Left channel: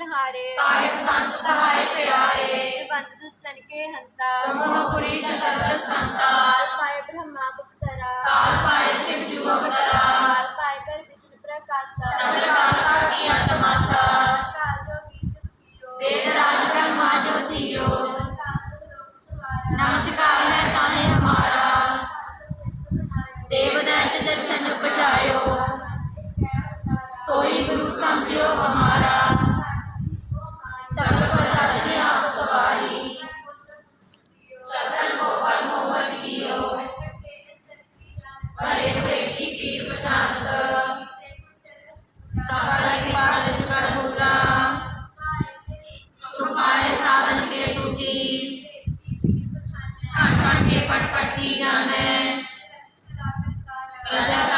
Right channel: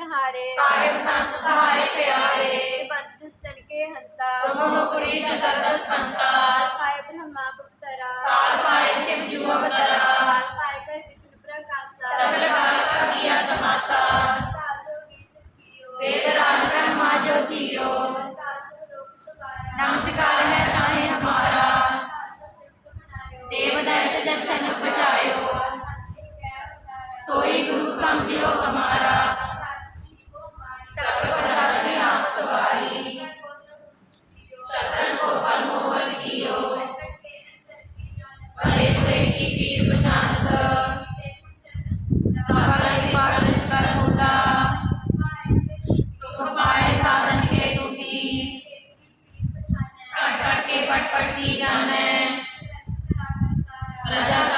ਹਾਰੇ ਸਾਹਿਬ ਸੰਤ ਸਹਾਇ ਪਿਆਰੇ। ਬੰਦ ਦੁਸ਼ਟਨ ਕੇ ਹੰਤਾ। ਤੁਮਹੁ ਪੁਰੀ ਜਗਤ ਸੰਤਾ ਕਾਲ ਪਾਏ ਬ੍ਰਹਮਾ ਗੁਪਤਰਾ। ਕਾਲ ਪਾਏ ਸ਼ਿਵ ਜੂ ਅਵਤਾਰਾ ਕਾਲ ਪਾਏ ਕਰ ਵਿਸ਼ਨੂੰ ਪ੍ਰਕਾਸ਼ਾ। ਸਭ ਕਾਲ ਕਾ ਕੀਆ ਤਮਾਸਾ ਕਾਲ ਜੋ ਕੀ ਸੁਖੀਓ ਵੇਦ ਰਾਜ ਬ੍ਰਹਮਾ ਜੋ ਥੀਓ ਕਾਲ ਸੁਖ ਲੋਕ ਸਵਾਰਾ। ਨਮਸਕਾਰ पट पट की जाने प्रजा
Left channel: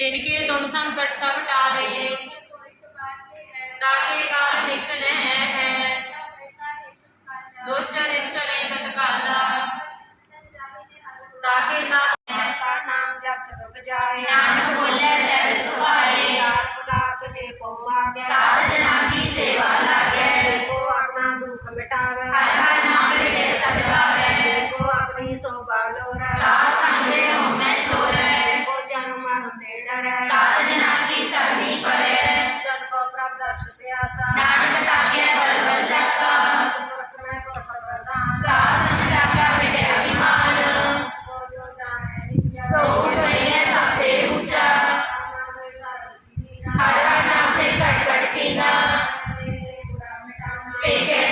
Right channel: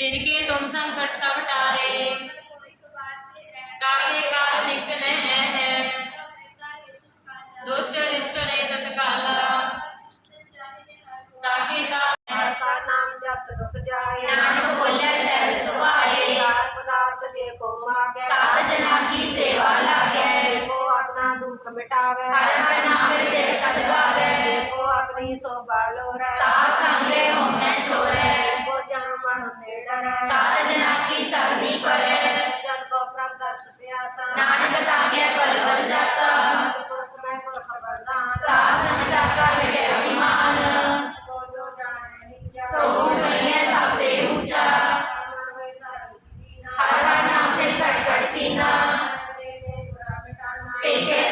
जिनके तुम संकट सब टारे ताके काल निकट है दुष्ट रिष्ट ने तत्काल ताके काल का नाम जप रुक जाए Because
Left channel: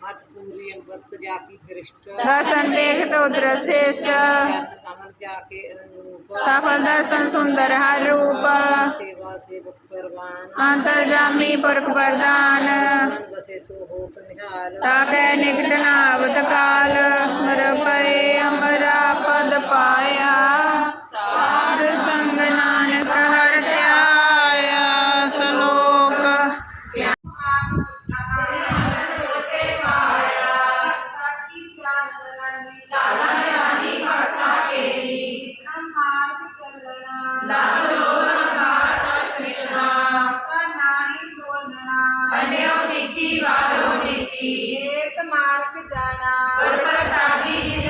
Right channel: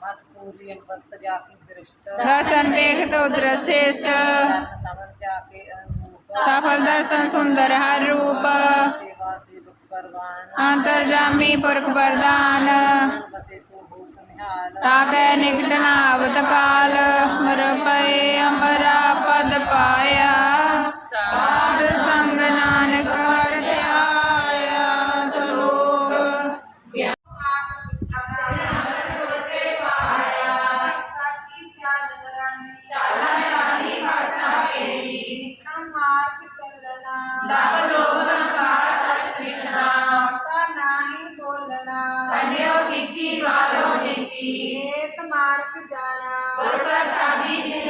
मत्पूर्यं वत्त जाकी दृष्ट दर्शन देखत उदर श्रेष्ठ तमन जाके अनूप सफल दर्शन सुंदर हर रूप सेवा सेवक परवान अंतर्जामी पुरख वरदान बसे सो होत निहाल ताके निकट नावत काल नर पय अमरा पद पाया Bíblia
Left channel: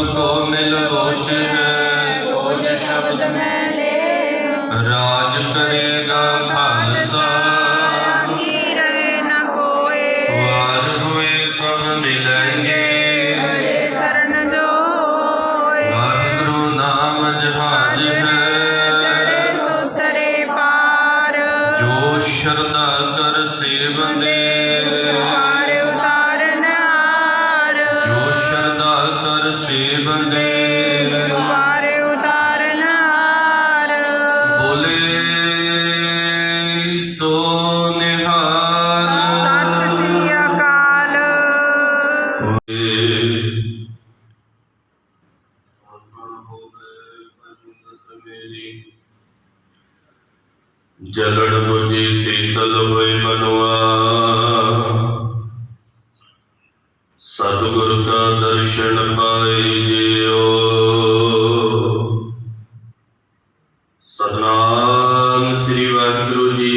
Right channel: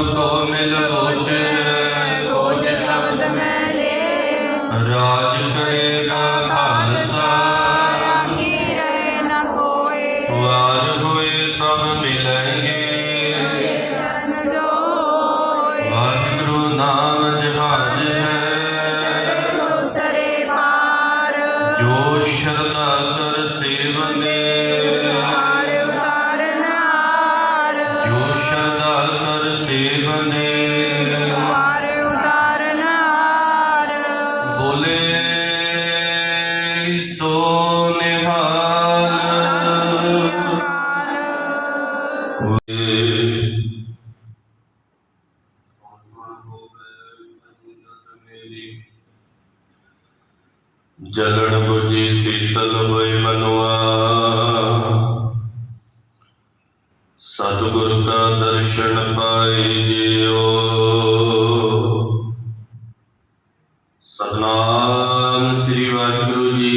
ਜੋ ਪ੍ਰਭ ਕੋ ਮਿਲ ਲੋਚਨ ਗੋਜ ਸ਼ਬਦ ਮੈਂ ਲੈ ਰਾਜ ਕਰ ਸੇਵਨੇ ਪਾਰ ਉਤਾਰਨ ਹਾਰ। ਬੋਲੇ ਸੋ ਨਿਹਾਲ। ਸਤਿ ਸ੍ਰੀ ਅਕਾਲ। ਜਲੜ ਬੁਝੀ ਸੀਤਲ ਹੋਏ ਮਨੁਆ। ਸਤਿਗੁਰ ਕਾ ਦਰਸ਼ਨ ਪਾਏ ਜਿਉ ਸਤਨਾਮ ਸ੍ਰੀ ਵਾਹਿਗੁਰੂ ਜੀ।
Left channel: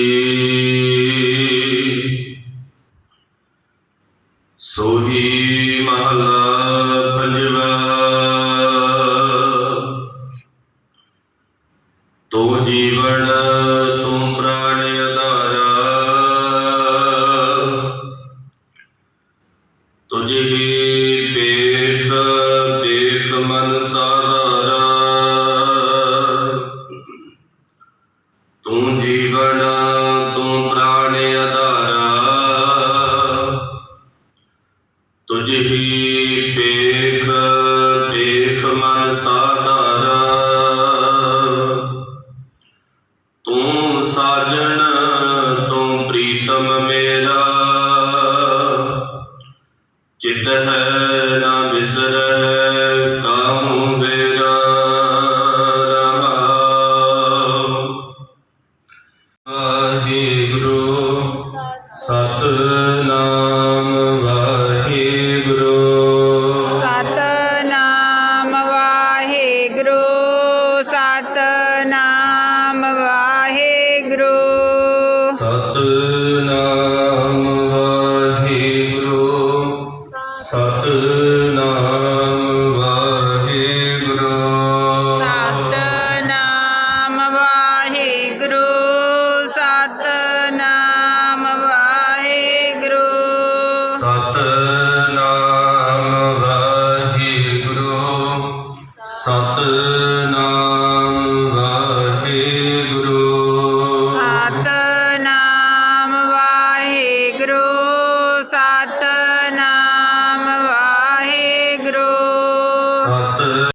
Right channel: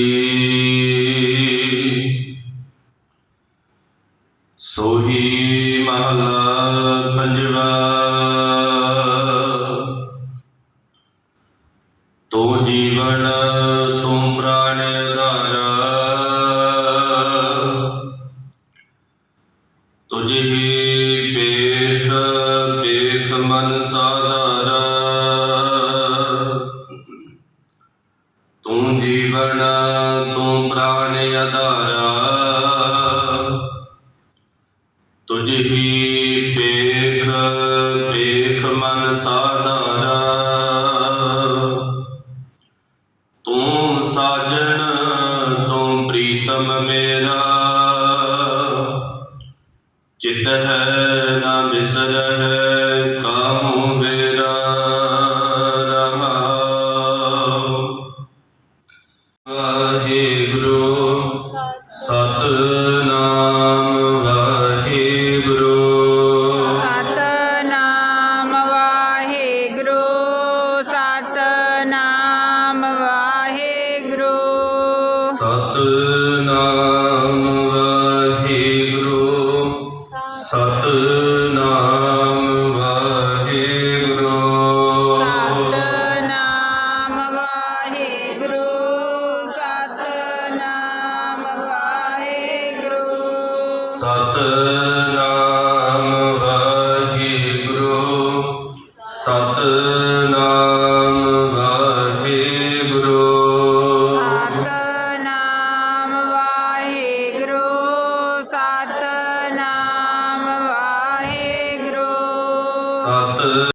ਸੋਹੀ ਮਹਲਾ ਪੰਜਵਾ। ਤੂੰ ਜੀਵਨ, ਤੂੰ ਜੀਵਨ ਤੂੰ ਪ੍ਰਾਣ ਆਧਾਰਾ। ਤੁਝ ਹੀ ਦੇਖ ਬੇਖ ਮਨ ਸਾਧਾਰਾ। ਤੂੰ ਸਾਜਣ ਤੂੰ ਪ੍ਰੀਤਮ ਮੇਰਾ। ਚਿਤ ਹੈ ਸਤ